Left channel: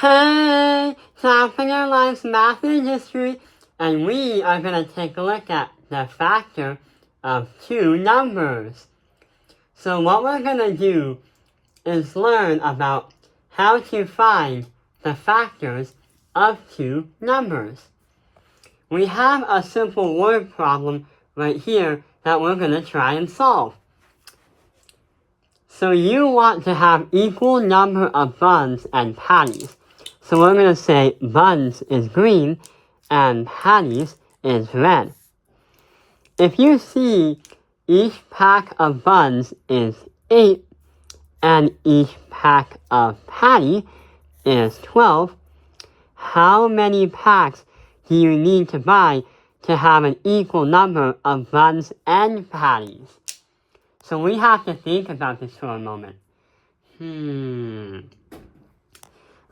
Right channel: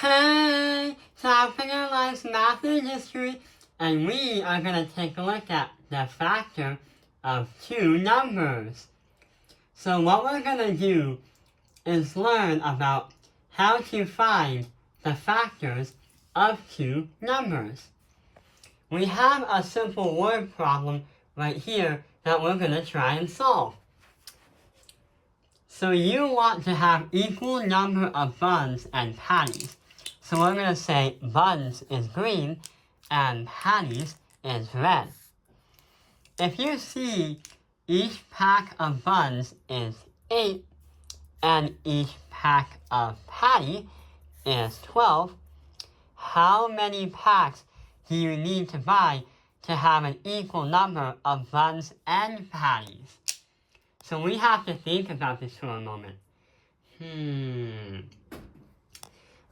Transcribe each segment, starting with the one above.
Hey, Sapphire likes math and history, and we are going to take a look at the factor of two numbers. So what we're going to do is learn about how to find the factors of two numbers. We have a simple word problem right here that we're going to try and solve. So you want to have equal number of buns and patties. So we're going to say buns is green and patties is red. If you see each pack of buns is 8 and each pack of patty is 12, how many packs do you need to buy to have an equal number of buns and patties? So we have to think about this for a moment.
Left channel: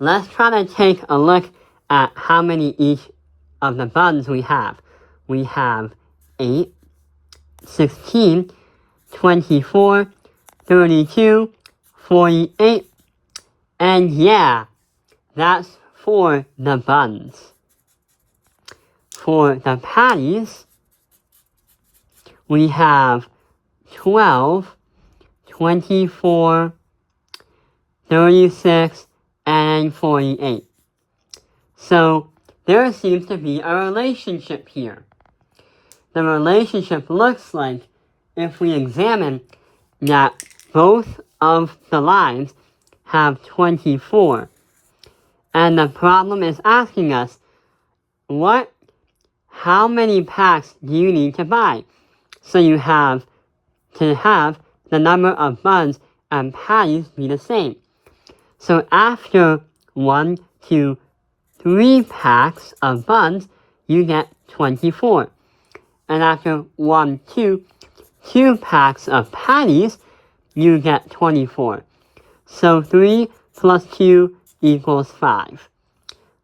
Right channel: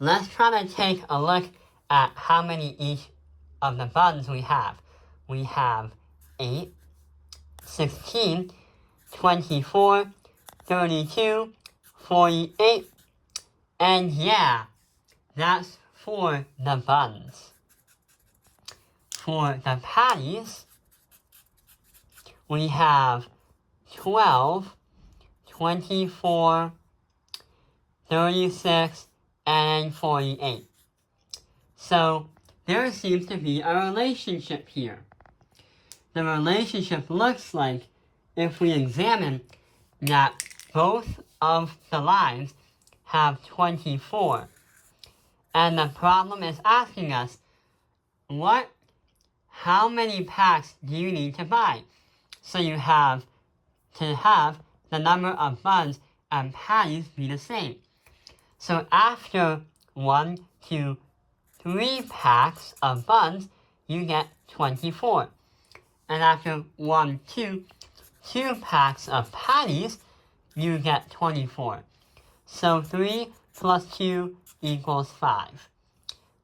Let's try to take a look at how many each of the buns we have. We have 8, 16, 24, 32, 48, and yeah, that's for the buns. For the patties, we have 12, 24, 36, and 48. So there seems to be a relationship here. The relationship looks like if we examine that both of the lines have 24. And the problem is asking us, how many packs do you need to buy? So you have to have the number of buns and patties be the same. So after 1, 2, 3 packs of buns, you get 24. And after 1, 2 packs of patties, you get 24. So 3 plus 2 equals 5.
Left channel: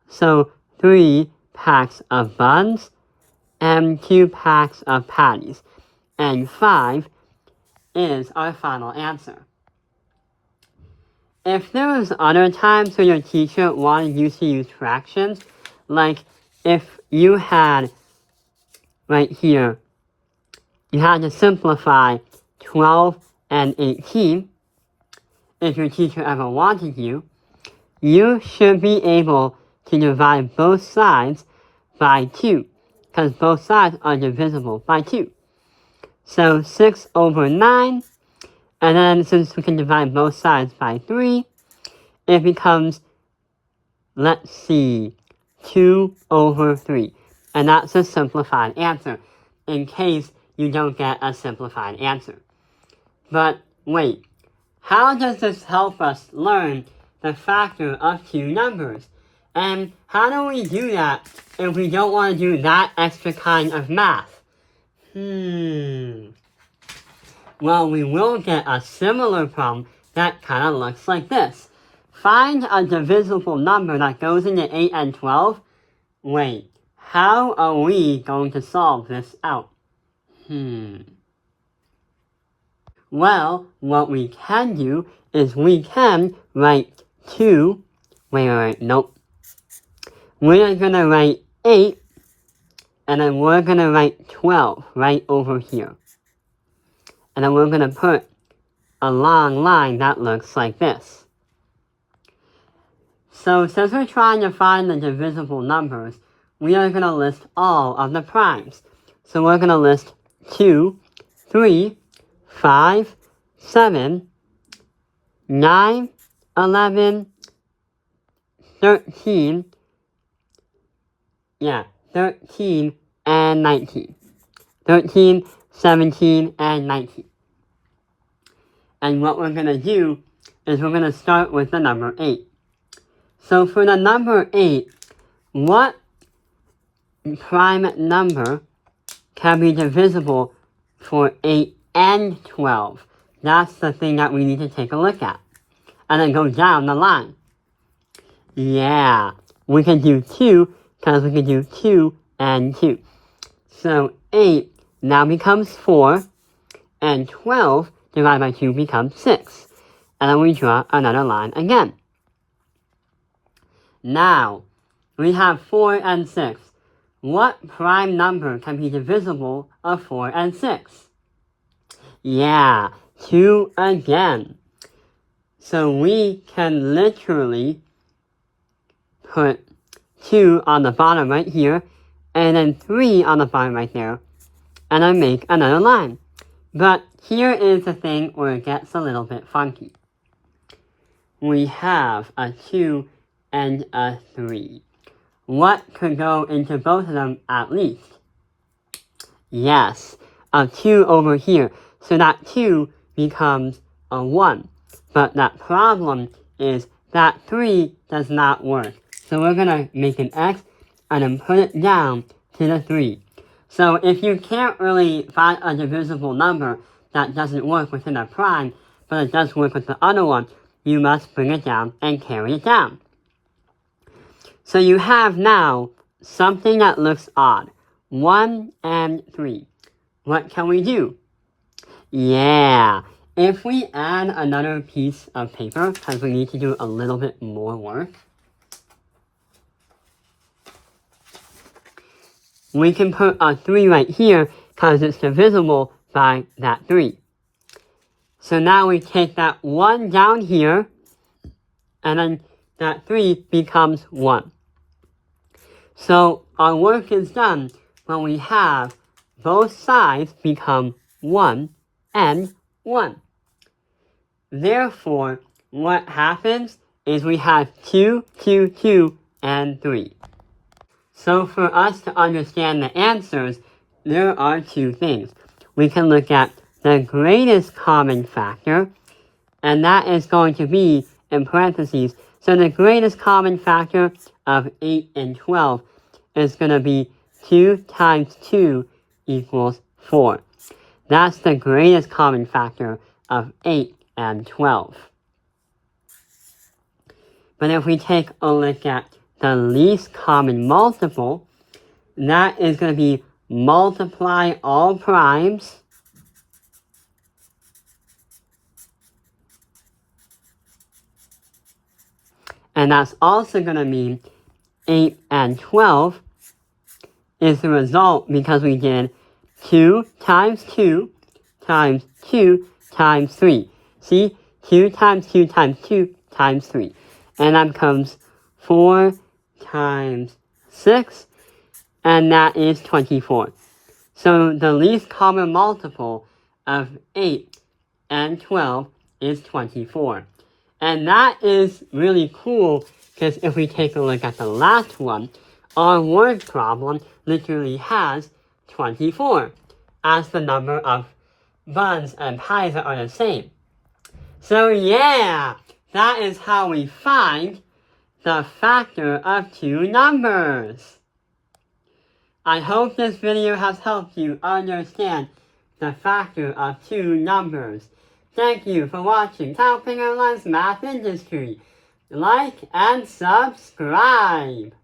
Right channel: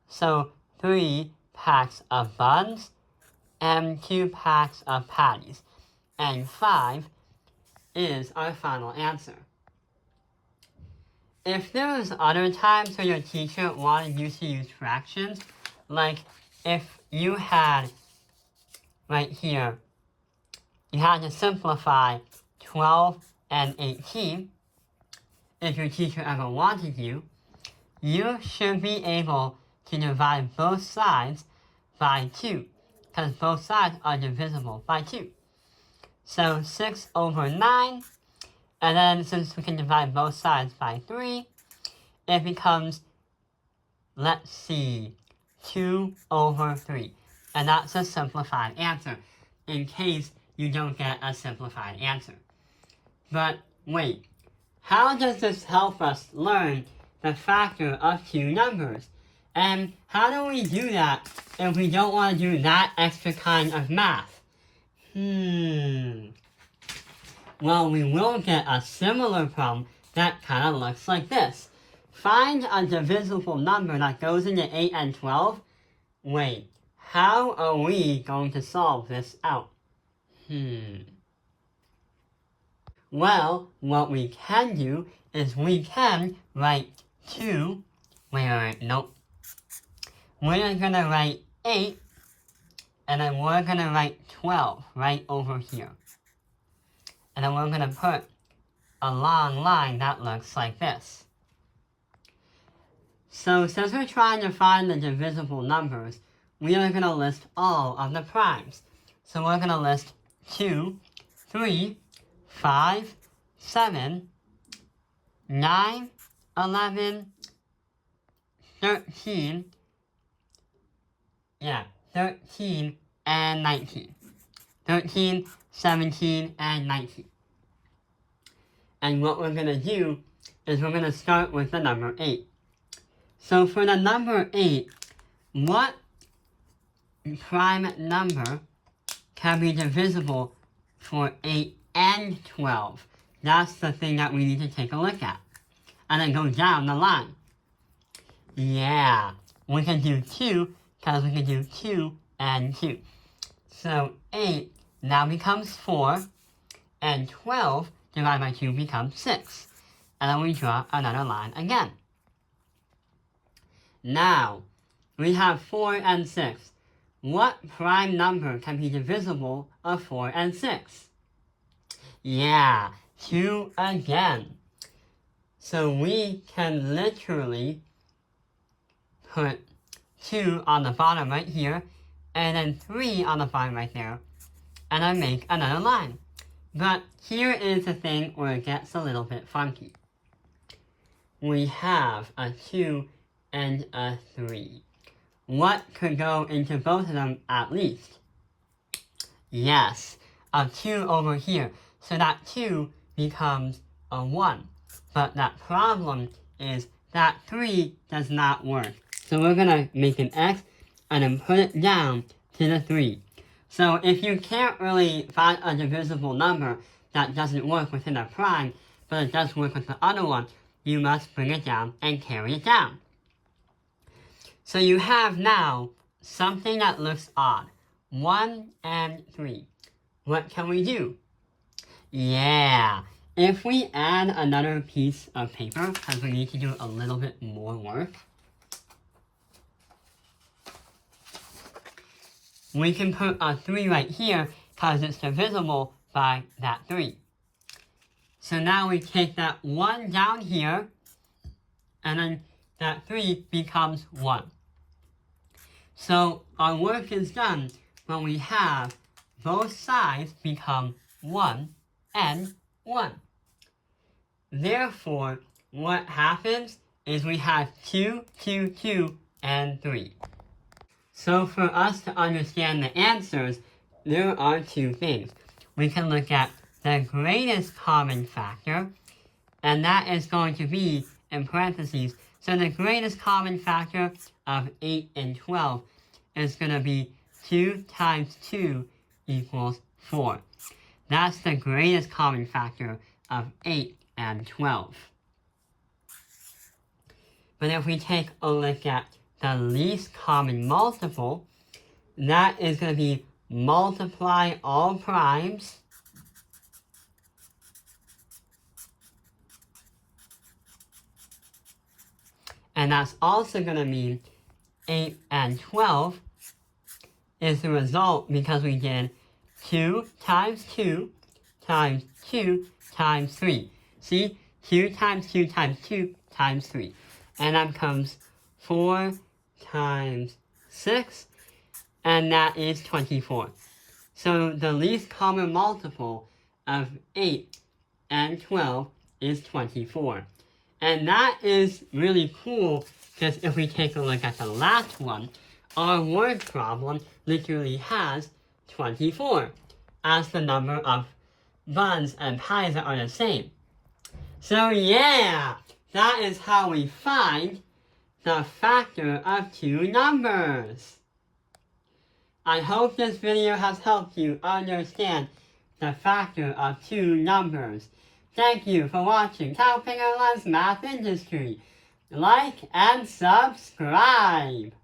So 3 packs of buns and 2 packs of patties. And 5 is our final answer. If there was other times when your teacher wanted you to use fractions, like if you had right here, you had to simplify 12 and 18, if your teacher ever wanted you should be able to divide both sides by 2, because both sides are divisible by 2. So 6 over 9, and then since we can divide both sides by 3, it becomes, 2 over 3. And that's a simplified answer, in case you don't get a simplified answer. But wait, how does this help us learn the factor of two numbers? And how do we do that if we don't want to do that extra kind of math? Well, we will get a similar problem that kind of looks like this. Find a divisible number that goes into 8 and 12. Wait, how are we going to solve this out? Well, what we can do is we can write 2. Nope. We're going to write 8, and then we're going to write 12 right over here. And then we're going to put a long line that looks like this. So since we're trying to find the divisible numbers, we are going to list all of the primes. So we're going to list 2, 3, 5, 7, 9, 11, 13, 13 and 19. 13, 17, and 19. And what we're going to do is we're going to start with the number 8. So for the number 8, what prime number can be divisible for 8 and 12? That's the thing that we need to take a look at. And then go down the line. Yeah, we can do 2 because we can do 2 and 2. So 8 now becomes 4, and 12 divided by 2 becomes 6. And then we draw another line again. Now, we have 4 and 6. What prime number can be divisible of 4 and 6? Yeah, 2 again. So we can literally put 2 on the bottom right here, and then 3 on the bottom right there, and I make another line. But here is the thing where it gets a little bit funky. We have a 2 and a 3. What could go into both of them at least? Yes, a 2 over here. So that 2 becomes a 1. But that problem is that 3 does not work. So we're going to make an X and then put it down to the 3. So if you can't really find a divisible number that doesn't work within a prime, but it does work with the other one, you must bring it down and carry it down. So you have now something that looks odd. 1 and 3. What can we do? Yeah, if we add another piece of paper, because we need to do a little bit more work, we can put a 3 right here because it's divisible by that 3. So now we take that 1 down here, and then that 3 becomes 1. So our work is done when we have both sides become 1 and 1. Therefore, what happens is we have 2, 2, 2, and 3. So for us to understand the answers, there are 2 things. We can look at the greatest common factor, and that is going to be in parentheses. So the greatest common factor of 8 and 12 is going to be 2 times 2 equals 4. That's the greatest common factor of 8 and 12. But if we take a look at the least common multiple, that is going to be multiply all primes and that's also going to mean 8 and 12 is the result because we did 2 times 2 times 2 times 3. See? 2 times 2 times 2 times 3. And that becomes 4 times 6, and that is 24. So the least common multiple of 8 and 12 is 24. And that is really cool, because if we take a look at the last one, our word problem literally has 24 as the number of buns and pies that are the same. So yeah, that is how we find the factor of 2 numbers. I hope this video has helped you understand the factor of 2 numbers. Thank you for watching Kyle Fingerlund's Math Industry. Like and subscribe.